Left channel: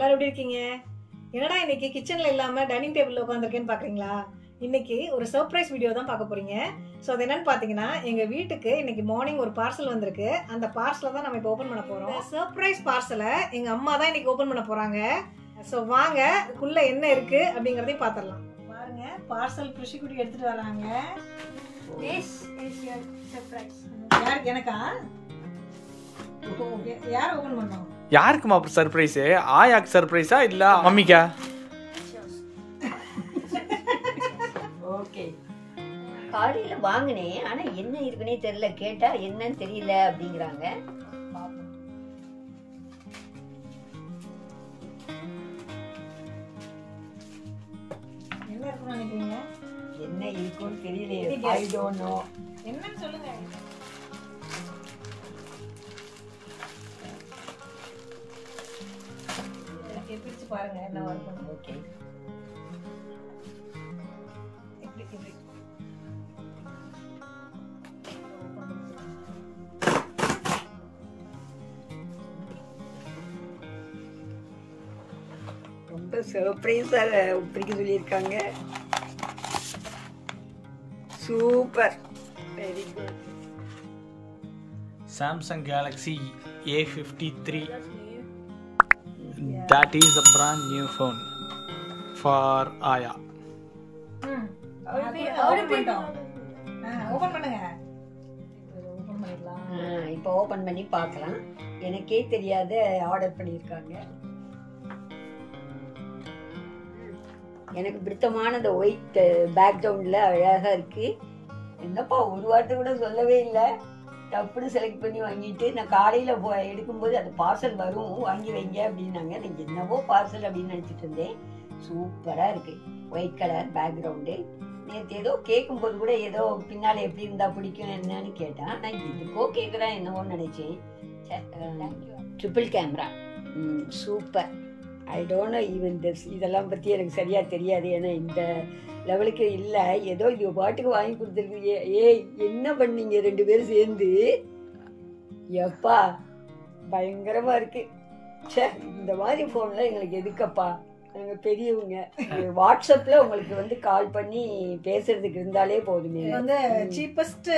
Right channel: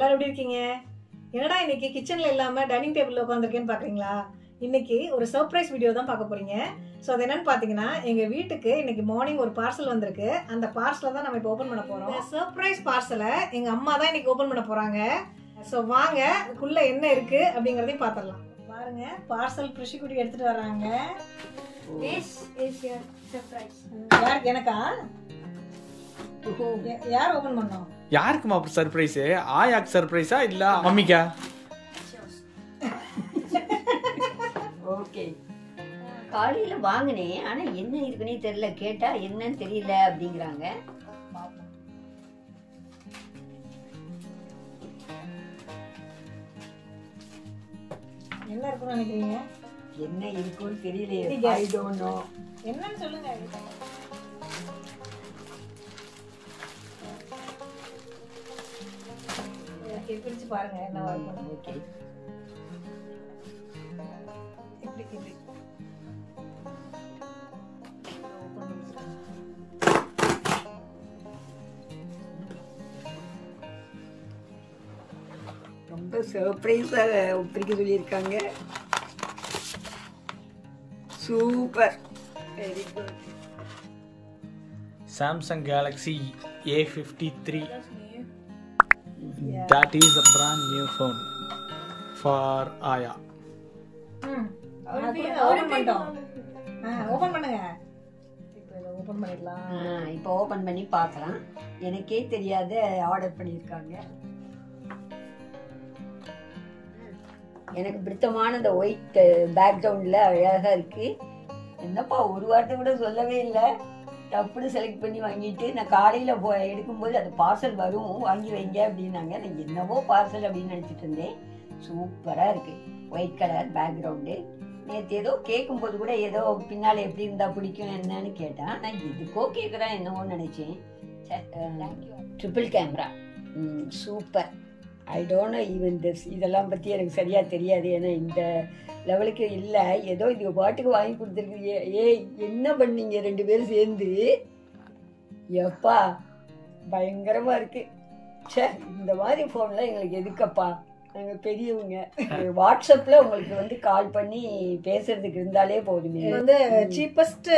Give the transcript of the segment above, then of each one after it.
எல்லாரும் எப்படி இருக்கீங்க? என்னடா இன்னைக்கு கிச்சன்ல இல்லாம டைனிங் டேபிள்ல உட்காந்துருக்கேன்னு பாக்குறீங்களா? இன்னைக்கு ஒரு சர்ப்ரைஸ் வீடியோ தான் பார்க்க போறீங்க. ஸோ அது என்னன்னு பாத்தீங்கன்னா, எங்க வீட்டுக்கு இன்னைக்கு மார்னிங் ஒரு பார்சல் வந்திருக்கு. அந்த பார்சலை தான் நம்ம இப்போ ஓபன் பண்ண போறோம். சர்ப்ரைஸ் பார்சலை எங்க அம்மா தான் இன்னைக்கு ஓபன் பண்ண போறாங்க. ஸோ வாங்க உள்ள என்ன இருக்கு அப்படிங்கறதையும் பாத்திரலாம். பாருங்க, பார்சல் பிரிஷிக்குட்டி எடுத்துட்டு வர்றாங்க. This is your surprise. யாருக்கு? எனக்கா? யார் ஓபன் பண்ணோம்? யாருக்குமா சர்ப்ரைஸ்? ஆயாக்கு சர்ப்ரைஸா இல்ல மம்மிக்கா? ஓகே. காலையில வாங்கினேன், ஆனா என்ன இருக்குன்னே தெரியல. கேட்டா என்னன்னு தெரியல அப்படிங்கிறாங்க. என்ன இருக்குன்னு நினைக்கிறீங்க? என்ன இருக்குன்னு தெரியலையே. I don't know. என்னன்னு சொல்லுங்க. பிரிச்சு பாருங்க என்ன வரும். ஓகே. இப்படி இப்படி ரொம்ப சர்ப்ரைஸா பிடிக்க சொல்லியிருக்காங்க. Super, very good. Samsung Galaxy A53. That is a brand new phone for Aya. Open பண்ணிட்டோம். ஓபன் பண்ணுங்க. ஓபன் பண்ணிடலாம். இப்போ ஓபன் பண்ணி பார்க்கலாம். எனக்கே தெரியாத ஆர்டர் பண்ணியிருக்காங்க. எனக்கு பிடித்தமான இந்த ஒயிட் பேக்ரவுண்ட்ல அழகா இருக்கு. என்னப்பா ஒரு வார்த்தை கூட சொல்லவே இல்லை. டப்புன்னு செலக்ட் பண்ணி வாங்கிட்டு நான் காலையில எடுக்கும்போது அந்த பார்சல் வரும், வாங்கி வைங்க அப்படின்னாங்க. நான் என்னவோ பார்சல் அப்படின்னு நினைச்சிட்டு இருந்தேன். சூப்பரா இருக்கு, ஒயிட் கலர் பேக்ரவுண்டு. நேற்று ஏதோ கேட்கும் போது கூட ஏதோ பின்னால எப்படி இருந்தா பிடிக்கும் என்னன்னு கேட்டேன். நான் எதுக்கோ கேட்குறேன் என்னவோன்னு நினைச்சேன். Triple camera, super. I don't know even this. இதெல்லாம் பற்றி எனக்கு சரியாக தெரியாது, ஏன்னா இந்த லெவலுக்கு இல்லை. ஏதோ இது பாட்டுக்கு வாங்கி கொடுத்துருக்கு. ஏய் என்ன பண்ணீங்க ரெண்டு பேரும் சேர்ந்து? எப்பா பயங்கரமாக இருக்கு. சே, இந்த மாதிரி ஃபோன்லாம் எங்களுக்கு எதுக்கப்பா? நாங்கள் பெரியவங்க. வாட்ஸ்அப்பில் உங்களுக்கு கால் பண்ணி பேசுறதுக்கு இருந்தாலே போதுமே. வந்து சீப்பஸ்ட்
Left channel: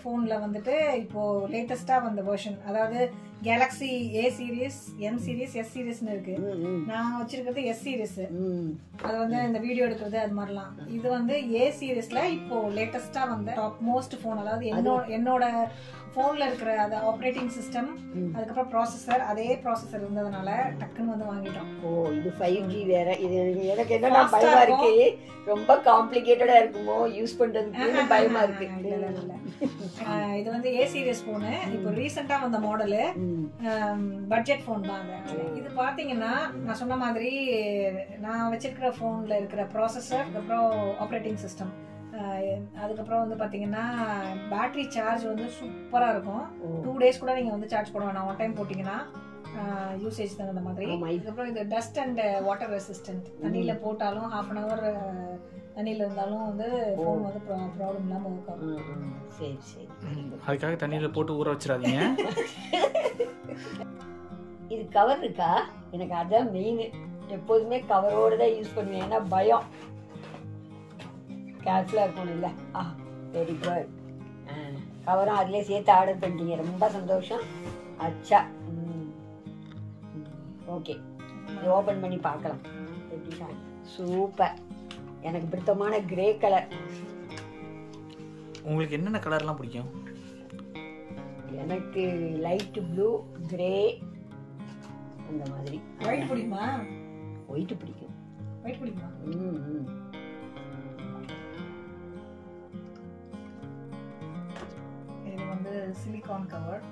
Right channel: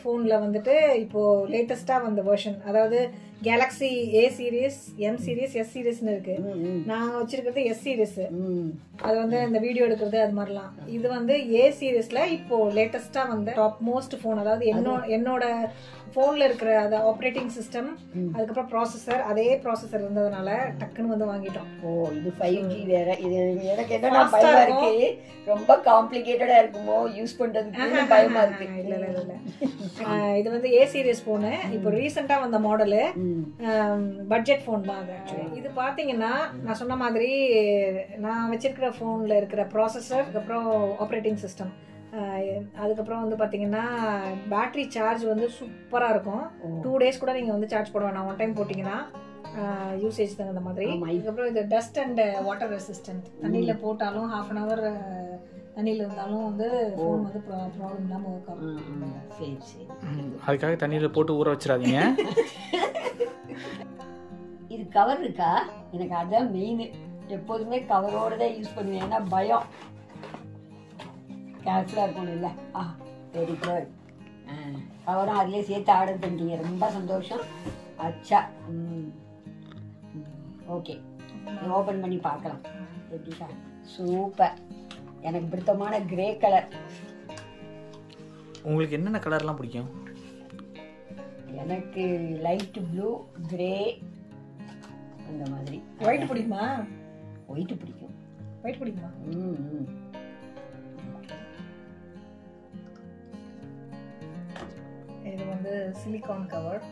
ஃபோனில் வந்துட்டு இப்போ லேட்டஸ்டாக வந்த வெர்ஷன், அதாவது Galaxy A series, M series, S சீரீஸ்னு இருக்கு. நாங்க வச்சிருக்கிறது S சீரீஸ். அது வந்து இந்த வீடியோ எடுக்கிறது அது மாதிரிலாம். இது வந்து A சீரீஸ்ல இப்போ லேட்டஸ்டா வந்த டாப் மோஸ்ட் போன். அதாவது என்னோட போன்ல இருக்கிற அந்த ஆப்ரேட்டிங் சிஸ்டம், அதுக்கப்புறம் ப்ராசஸர், அதே ப்ராசஸர் இருந்ததுனால டக்குன்னு வந்து வாங்கிட்டோம். ஓ, இது 5G வேற. இது எனக்கு என்ன பயமா இருக்கு, ரொம்ப காம்ப்ளிகேட்டடா இருக்குமோ யூஸ் பண்றதுக்கு பயமா இருக்கு. இல்ல இல்ல இல்ல, இது வந்து A சீரீஸ் போனு. இப்போ ரீசெண்டா வந்த மாடலு, பட்ஜெட் போன் தான் அது. இது பாத்தீங்கன்னா நான் சொன்ன மாதிரி நான் வச்சிருக்கிற போன்ல இருக்கிற ப்ராசஸர், அதுக்கப்புறம் ஆப்ரேட்டிங் சிஸ்டம், அதுக்கப்புறம் வந்து பாத்தீங்கன்னா பேட்டரி சார்ஜ் வந்து சூப்பரா இருக்கும். 2 days கூட நீங்க வந்து சார்ஜ் போட வேணாம். 1 time போட்டீங்கன்னா யூசேஜ் தகுந்த மாதிரி. அதுக்கப்புறம் இது டஸ்ட் அண்ட் வாட்டர் ரெசிஸ்டன்ட். தண்ணியில போட்டாலும் 1/2 hour தண்ணியில இருந்தாலும் வந்து போன் வந்து ப்ராப்ளம் இல்லாம ஒர்க் ஆகும். சரி சரி, அதுக்காக தண்ணியில போட்டு ஊற வச்சிடாதீங்க. இது கவர் இருக்கா? எனக்கு அதான் மெயின். எப்போதுமே கவரோட தான் யூஸ் பண்ணுவேன், ஏன்னா பயம். கேர்ஃபுல்லாக இருக்கணும் இல்லை? Very good. கவரும் அதிலே சேர்த்து ஆர்டர் பண்ணிட்டீங்க, ரொம்ப சந்தோஷம். அச்சா, ஓகே, ஓப்பன் பண்ணி பார்க்கலாம். எப்படிக்கா? சூப்பர், எனக்கு பிடித்தமான கிரே கலர். உங்களுக்கு என்னென்ன கலர்லாம் பிடிக்கும்? எனக்கு லைட் ப்ளூ, கிரே, அந்த மாதிரி. ஒயிட் பிடிக்குமா? ஒயிட் பிடிக்கும். ஒயிட் பிடிக்குமா? இது வந்து சிலிகான் கவர்.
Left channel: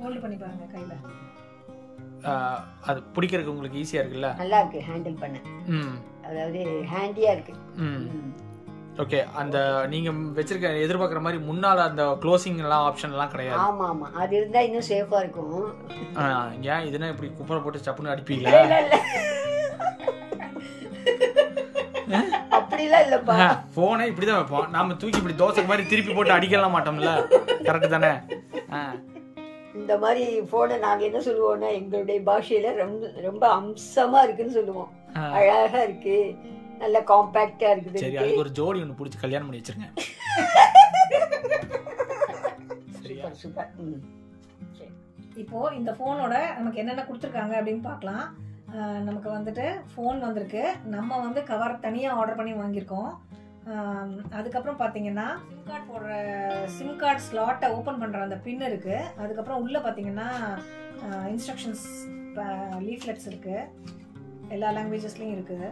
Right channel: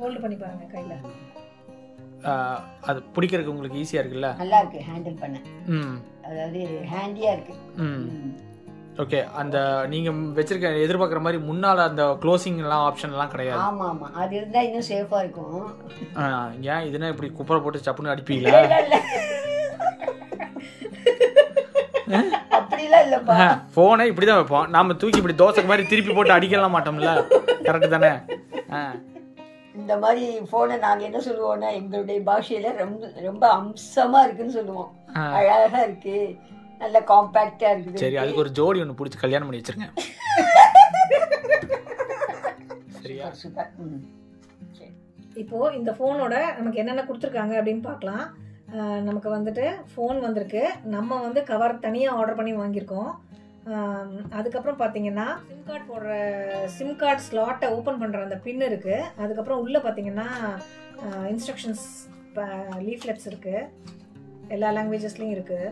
ஹோல்ட் பண்ணி பாருங்க கையில. அது பிடிக்கிறதுக்கு உங்களுக்கு ஈஸியா இருக்குல்ல? நல்லா இருக்கு ஹேண்டில் பண்ண. அதாவது ஹேண்டியா இருக்கு. ஓகே. அந்த நீங்க வச்சிருக்க எதிர்பார்க்குற மாதிரி முன்னால அந்த க்ளோசிங் எல்லாம் ஆப்ஷன் எல்லாம் கிடையாது. ஆமா ஆமா, அது இருந்தா இன்னும் சேஃபா இருக்கும். ஏன் இதுனா இப்படி குப்பரை போட்டு சப்புன்னு அடிப்பீங்களா? அப்படிலாம் இல்லப்பா. போனை இப்படிதான் வைப்போம். நாம தூக்கி இப்படி தோசைக்கு மாதிரி திருப்பி போட்டு அடிக்கலாம் மாட்டோம்ல. கரெக்ட் தானே? இந்த மாதிரி போனை நாங்க என்ன சொல்லுவோம்னா எங்களுடைய பாஷையில ரொம்ப ரொம்ப அம்சமா இருக்குன்னு சொல்லுவோம். அழகா இருக்கு, நல்ல காம்பாக்டா இருக்குது. சரி, அதுக்கு ஒரு ஜோடி ஒன்று பிடிச்சி கல்யாணம் பண்ணி வச்சிருங்க. சரியா? சூப்பர். இப்போ இந்த போனோட நமக்கு என்னென்ன கொடுத்துருக்காங்க அப்படின்னு பார்க்கலாம். நமக்கு வந்துட்டு ஃபோன் வந்திருக்கு. நம்ம வந்து கவர் தனியாக ஆர்டர் பண்ணி வாங்கியிருக்கோம். அதுக்கப்புறம் பார்த்தீங்கன்னா சிம் கார்டு ஸ்லாட்டை ஓப்பன் பண்ணுற அந்த பின் இருக்குது. அதுக்கப்புறம் உள்ளே பார்த்தீங்கன்னா இன்ஸ்ட்ரக்ஷன்ஸ் லீஃப்லெட்ஸ் இருக்குது, எல்லா லாங்குவேஜஸ்லையும் இருக்குது.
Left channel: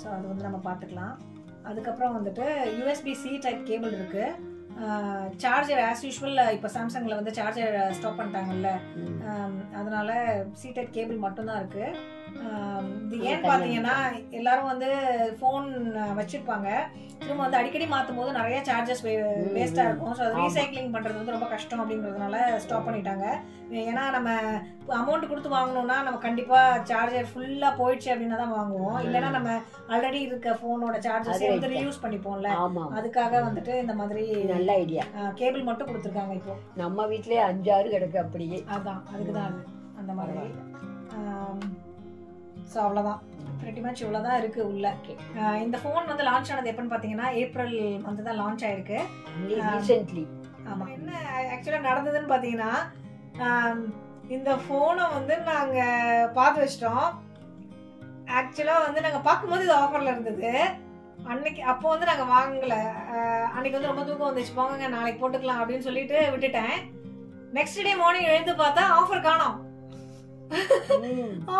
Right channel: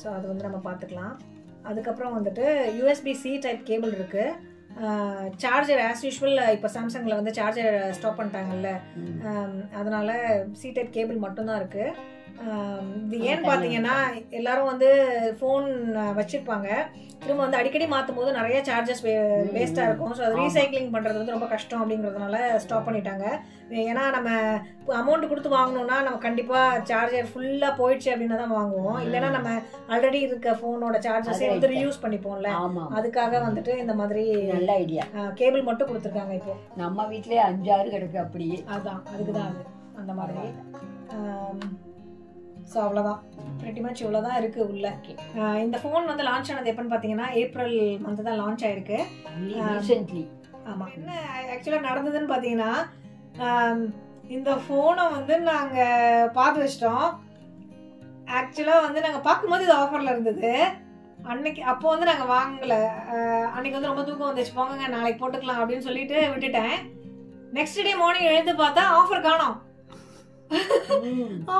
ஸோ அது வந்து நம்ம பார்த்துக்கலாம். அதுக்கப்புறம் வந்துட்டு USB-C டைப் கேபிள் இருக்குது. சார்ஜர் ஆஸ் யூஷுவல் இப்போ சாம்சங்கில் வந்து சார்ஜர் ஸ்டாப் பண்ணிட்டாங்கல்ல, அதனால C டைப் கேபிள் மட்டும்தான் இருக்குது. இது ஏன்னு பார்த்தீங்கன்னா எல்லாரும் வந்து ஃபோன் வச்சிருப்பாங்க, திரும்ப வந்து அடிக்கடி மாற்றும் போது நிறைய சார்ஜஸ் வேஸ்ட்டாக இருக்கும். ஸோ அது ரீசைக்ளிங் பண்ணுறது வந்து ரொம்ப கஷ்டம் அப்படிங்கிறதுனால ஸ்டாப் பண்ணிட்டாங்க. ஏன்னா நம்ம அமௌண்ட் கொடுத்து வாங்கணும்னா நம்ம கண்டிப்பாக சார்ஜர் ஃபுல்லாக போயிடுச்சு அப்படின்னு தான் வாங்குவோம். இல்லைன்னா நம்ம ஆல்ரெடி இருக்க ஃபோனோட சார்ஜஸே வந்து ரீயூஸ் பண்ணிப்போம்ல, அதுக்காக வந்துட்டு இந்த மாதிரி நல்ல ஐடியா கேபிள் மட்டும் கொடுத்துருக்காங்க. இப்போ நம்ம வீட்லயே 5-6 கிடக்கு அப்படியே. அதான் அதுக்கு தான் அது அந்த மாதிரி. ஸோ அவ்வளோதான், pretty much இவ்வளோதான் இருக்கு உள்ள. இந்த ஃபோன் வந்து லான்ச் ஆனது எப்பன்னு பார்த்தீங்கன்னா ஏப்ரல் மந்த் தான் லான்ச் ஆயிருக்கு. ஆமாம், என்ன ஆக்சுவலாக நடந்ததுன்னு பார்த்தீங்கன்னா இந்த ஃபோனை வந்து நாங்கள் பார்த்து வச்சிட்டோம். ஆக்சுவலாக வந்து நாங்கள் பார்க்கும்போது இது ஆஃபரில் இருந்தது அன்னைக்கு. அப்போ வந்து நாங்கள் வாங்கலை. அன்னைக்கு வந்து ரொம்ப தூக்கம் வந்துச்சு, போங்க நாளைக்கு போட்டுக்கலாம் அப்படின்னு சொல்லிட்டு விட்டுட்டேன். நெக்ஸ்ட் டே மார்னிங் எழுந்து பார்த்தா ஆஃபர் காணோம்.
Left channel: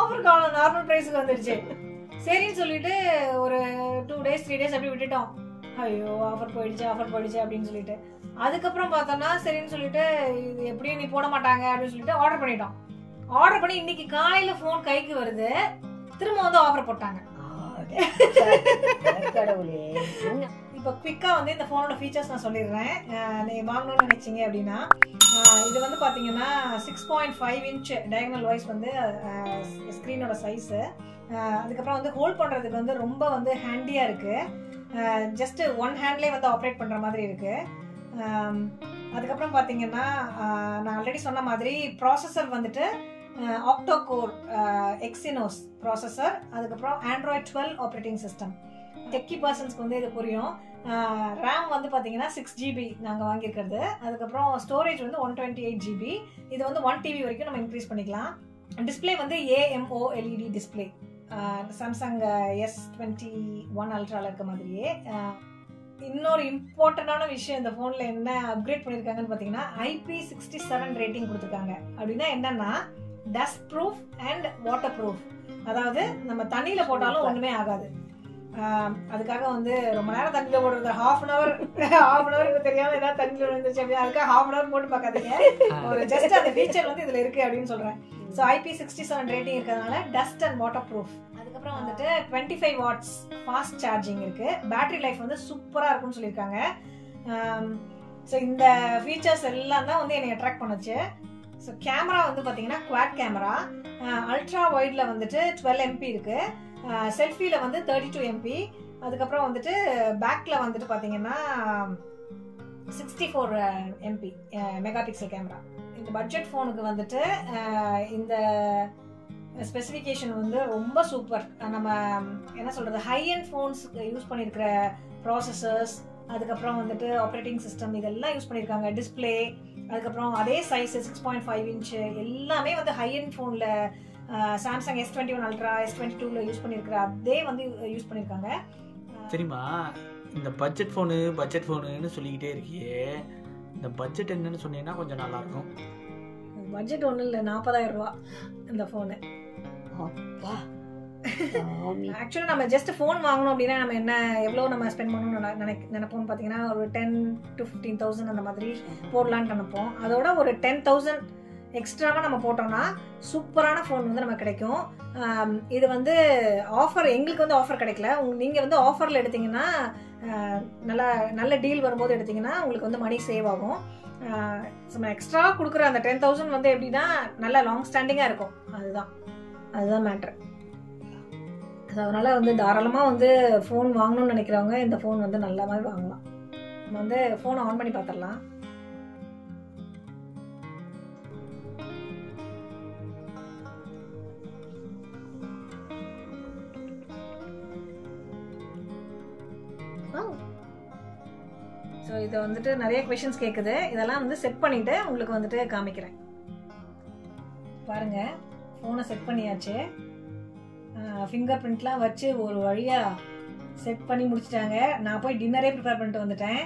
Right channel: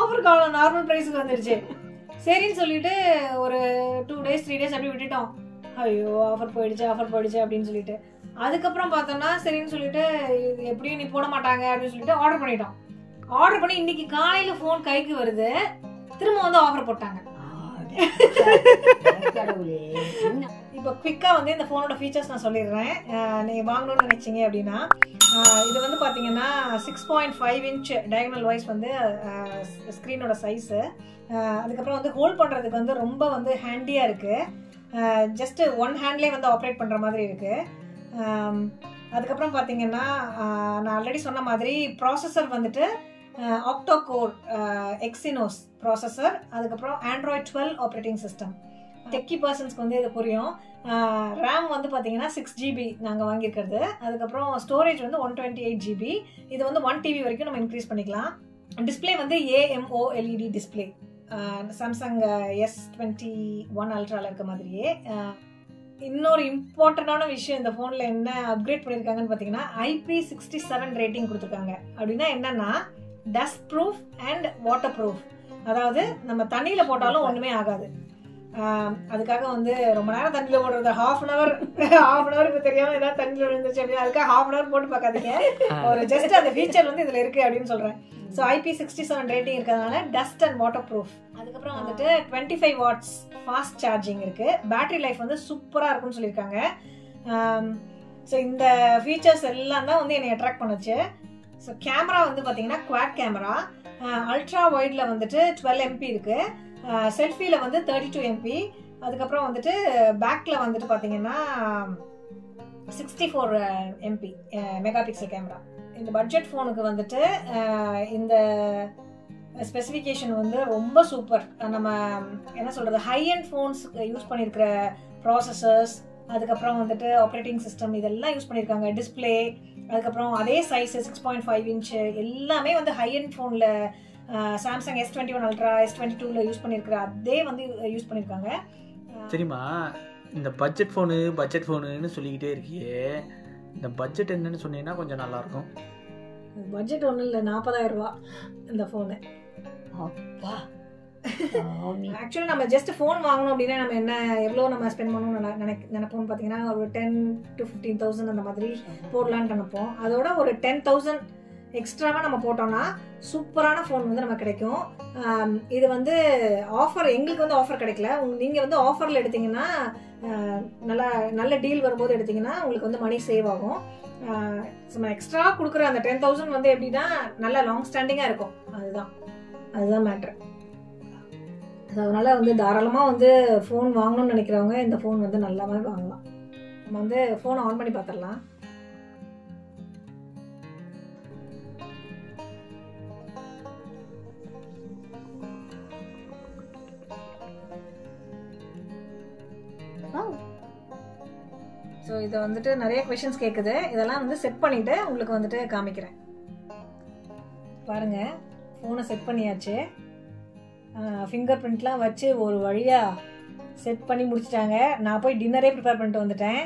ஆஃபர் காணோம், நார்மல் பிரைஸ்க்கு வந்துடுச்சு. சரின்னு சொல்லிட்டு ஒரு 2 days 3 days அப்படி விட்டுட்டோம். ஐயோ ஆஃபர் போயிடுச்சு அப்படின்னு சொல்லிட்டு அதுக்கப்புறம் பார்த்தோம்னா சரின்னு சொல்லிட்டு இது எப்படியும் நீ போட மாட்டாங்க அப்படின்னு சொல்லிட்டு ஆர்டர் பண்ணிட்டோம். ஆர்டர் பண்ணி இன்னைக்கு காலையில போன் கைக்கு வருது, திரும்ப வந்து ஆஃபர் போட்டாங்க. இப்போ குவிக்கா வந்து இந்த போனோட ஃபீச்சர்ஸ் நான் சொல்லிடுறேன். நீங்க வாங்கணும்னு நினைச்சீங்க அப்படின்னா இது வந்து பாத்தீங்கன்னா 6.5 inch டயகனல் வைஸ் வந்து ஸ்கிரீனோட சைஸ். அதுக்கப்புறம் வந்து ஹோல்ட் பண்றதுக்கு வந்து ரொம்ப வந்து ஹேண்டியா இருக்கு. ஜஸ்ட் ஒன் ஹேண்ட்லேயே வந்து ஆப்ரேட் பண்ற மாதிரி இருக்கு. அதுக்கப்புறம் பார்த்தீங்கன்னா நான் ஆல்ரெடி சொன்ன மாதிரி ப்ராசஸர் வந்துட்டு ஆக்டோ கோர் எக்ஸினோஸ் ப்ராசஸர். அதுக்கப்புறம் ஆண்ட்ராய்ட் 12 ஆப்ரேட்டிங் சிஸ்டம். டெக்கி பர்சன்ஸ்க்கு வந்து இது புரியும். ரேம் வந்து பார்த்தீங்கன்னா 6 GB நாங்கள் வாங்கியிருக்கிறது. அதுக்கப்புறம் ஸ்டோரேஜ் வந்து 128 GB. இது வந்து 1 TB வரைக்கும் நம்ம இன்க்ரீஸ் பண்ணிக்கலாம். டிஸ்பிளே வந்து AMOLED டிஸ்பிளே, சாம்சங் S21 அல்ட்ரால இருக்க மாதிரியே. இன்னொரு இம்பார்ட்டன்டான விஷயம் இந்த ஃபோனில் என்ன அப்கிரேட் பண்ணியிருக்காங்கன்னு பார்த்தீங்கன்னா IP67 ரேட்டிங் கொடுத்துருக்காங்க. அப்படின்னா என்னன்னா dust proof and water proof. அதாவது நம்ம தண்ணியில் போட்டாலும் ஒன்றுமே ஆகாது. அதுக்காக வந்து ரொம்ப நேரம் தண்ணியில் போடுறது, half an hour இப்போ தெரியாம ஏதாவது தண்ணியில் விழுந்துச்சு அப்படின்னா அதுக்காக half an hour போட்டு பார்க்காதீங்க. ஒரு ஜஸ்ட் அந்த ஃபீச்சர் வந்து இதில் இருக்கு அப்படின்னு சொல்கிறேன். ஸோ IP67 ரேட்டிங் இருக்கிறதுனால டஸ்ட் அண்ட் வாட்டர் ப்ரூஃப். அதுக்கப்புறம் வந்துட்டு 25 watts ஃபாஸ்ட் சார்ஜிங் இருக்கு. பேட்டரி லைஃப் வந்து சூப்பராக இருக்குன்னு சொல்லியிருக்காங்க. ஸோ இந்த ஃபீச்சர்ஸ் எல்லாம் தான் வந்து என்னை அட்ராக்ட் பண்ணுச்சு. ஸோ கேமரா வந்து பார்த்தீங்கன்னா குவாட் கேமரா. அல்ட்ரா வைடில் வந்துட்டு 12 MP இருக்கு. செல்ஃபியில் வந்து 32 MP. அதுக்கப்புறம் வந்துட்டு பேக்கில் வந்துட்டு பார்த்தீங்கன்னா 64 MP மெகா பிக்சல் கேமரா. இந்த பட்ஜெட் ஃபோனுக்கு வந்துட்டு இந்த ஸ்பெசிஃபிகேஷன் வந்து ரொம்ப சூப்பர். நம்ம என்ன சொல்கிறது, ஹை அண்ட் ஃபோன்ஸ் யூஸ் பண்ணியிருக்கிற ப்ராசஸர்ஸ், அதுக்கப்புறம் வந்துட்டு ஆப்ரேட்டிங் சிஸ்டம் இதெல்லாம் யூஸ் பண்ணியிருக்காங்க. டிஸ்பிளே, அதுக்கப்புறம் அதே சைஸ் 6.5 inch எல்லாமே வந்து ஹை அண்ட் ஃபோனில் சாம்சங் S21 அல்ட்ரா S22ல யூஸ் பண்ணியிருக்கிற அதே வந்து யூஸ் பண்ணியிருக்காங்க. தெரியுமா, இந்த பட்ஜெட் ஃபோனுன்னு சொல்லிக்கிட்டே இருக்கியே, இந்த பட்ஜெட் என்னன்னு சொன்னீங்கன்னா கொஞ்சம் நல்லா இருக்கும். பட்ஜெட் ஒன்றும் இல்லை, 40,000 ரூபா இந்த ஃபோனு. ஆக்சுவலி நம்ம ஜஸ்ட் ஃபோன் வாங்கணும் அப்படின்னா நம்ம என்ன எவ்வளோ நம்ம ஸ்பெண்ட் பண்ணணும்னு நினைப்போம்னு பார்த்தீங்கன்னா ஒரு 10 to 15,000 அந்த மாதிரி போடலான்னு நினைப்போம். அதோட ஒரு 10,000 எக்ஸ்ட்ராவாக நம்ம போட்டோம்னா சூப்பரான ஃபோன் வந்து நமக்கு கிடைக்கும். இது வந்து ஆஃபர், எங்களுக்கு வந்து ஆஃபர் கிடைக்கல. நீங்கள் வந்து ஆஃபரில் எடுத்தீங்கன்னா நல்ல டீல் வரும்போது எடுத்தீங்கன்னா உங்களுக்கு வந்து மணி சேவ் ஆகும். நம்ம எக்ஸ்ட்ரா கொடுக்குற அந்த 10,000 வந்து எப்படின்னா நல்லா லாங் ஸ்டாண்டிங்காக இருக்கும். அதுதான் மேட்ரு. அதனால வந்து தாராளமாக வந்து ஃபோன் வாங்கணும்னு நினைக்கிறவங்க இந்த ஃபோன் வந்து நல்லாவே வாங்கலாம். நம்ம வந்து ஃபோனை ஆன் பண்ணி பார்த்துடலாம். இதை வந்துட்டு நிறைய கொஷின்ஸ் கேட்குது. இதெல்லாம் வந்து செட் பண்ணிட்டு உங்களுக்கு வந்துட்டு காமிக்கிறேன். பாருங்க, ஃபோனை செட் பண்ணியாச்சு. ஃபிங்கர் பிரிண்ட்லாம் வச்சு ஒரு வழியாக செட் பண்ணி முடிச்சிட்டாங்க. நான் போய் டின்னரே ப்ரிப்பேர் பண்ணிட்டு வந்துட்டேன்.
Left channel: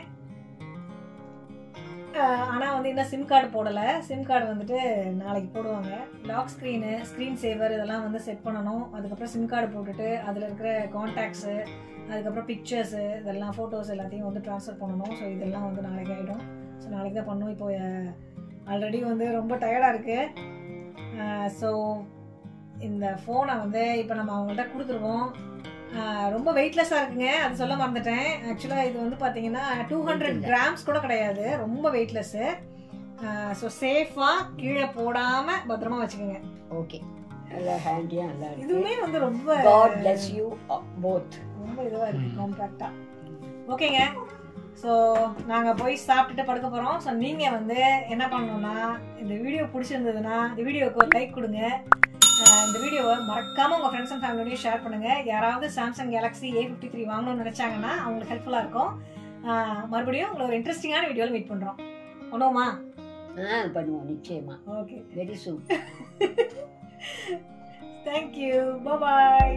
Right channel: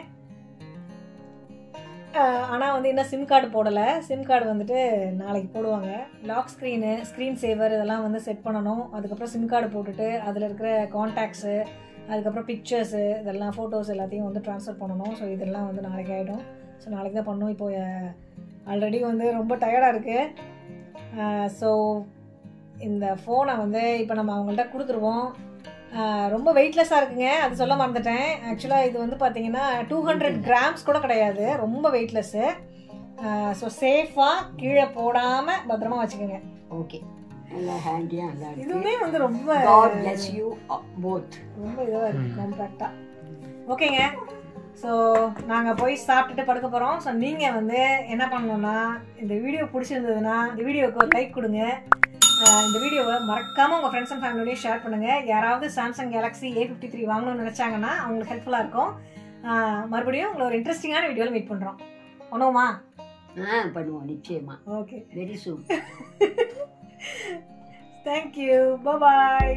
ஆனால் வந்து இன்னும் சிம் கார்டு போடலை. சிம் கார்டு வந்துட்டு நாளைக்கு போடுவாங்க. லாக் ஸ்க்ரீன் சேவர் இதெல்லாம் வந்து செட் பண்ணணும். அதுக்கப்புறம் சிம் கார்டு போட்டுட்டு அதில் இருக்கிற கான்டாக்ட்ஸு, அதுக்கப்புறம் பிக்சர்ஸு, இதெல்லாம் ஃபோட்டோஸ் எல்லாத்தையும் வந்து ட்ரான்ஸ்ஃபர் பண்ணணும். ஸோ இதெல்லாம் வந்து நாளைக்கு ஆகிடும். ஸோ நாளைக்கு தான் பண்ணணும். இப்போ ஆல்ரெடி வந்து ரொம்ப டயர்டாக இருக்குது. ஸோ இந்த ஃபோனை வந்து இப்போ நம்ம அவங்கள்ட்ட கொடுத்துருவோம். ரொம்ப வெயிட்லெஸ்ஸாக இருக்குங்க, அது சொல்ல மறந்துட்டேன். ஆக்சுவலாக இது வந்து பார்த்தீங்கன்னா 200 grams கூட கிடையாது, ரொம்ப வெயிட்லெஸ்ஸு. ஸோ சேஃபாக கீழே போடாமல் பத்திரமா வச்சுக்கோங்க. ஓகே, நல்லா ஹேண்டியாக நல்லா இருக்கு. இதுவுமே வந்து ரொம்ப God bless you both. ரொம்ப இதுவாக இருக்குது, காம்பேக்டாக. ஓகேங்க, ஸோ நாங்கள் போய் சாப்பிட்டுட்டு படுக்க போகிறோம். ஸோ நீங்கள் வந்து என்ன பண்ணணுன்னா, இந்த வீடியோ பிடிச்சிருந்ததுன்னா இந்த வீடியோவுக்கு ஒரு லைக் கொடுங்க. இந்த வீடியோவை மறக்காமல் உங்கள் ஃப்ரெண்ட்ஸ் அண்ட் ஃபேமிலியோடய ஷேர் பண்ணுங்கள். யாராவது சாம்சங் கேலக்ஸி A53 வாங்கணும்னு நினச்சாங்கன்னா அவங்களுக்கு ஹெல்ப்ஃபுல்லாக இருக்கும். மறுபடியும் உங்களை ஒரு இன்ட்ரெஸ்டிங்கான வீடியோவில் மீட் பண்ணுறோம். பண்ணுவோமா? பண்ணுவோம் நிச்சயமா. Okay, very soon. தேங்க்யூ, பாய்.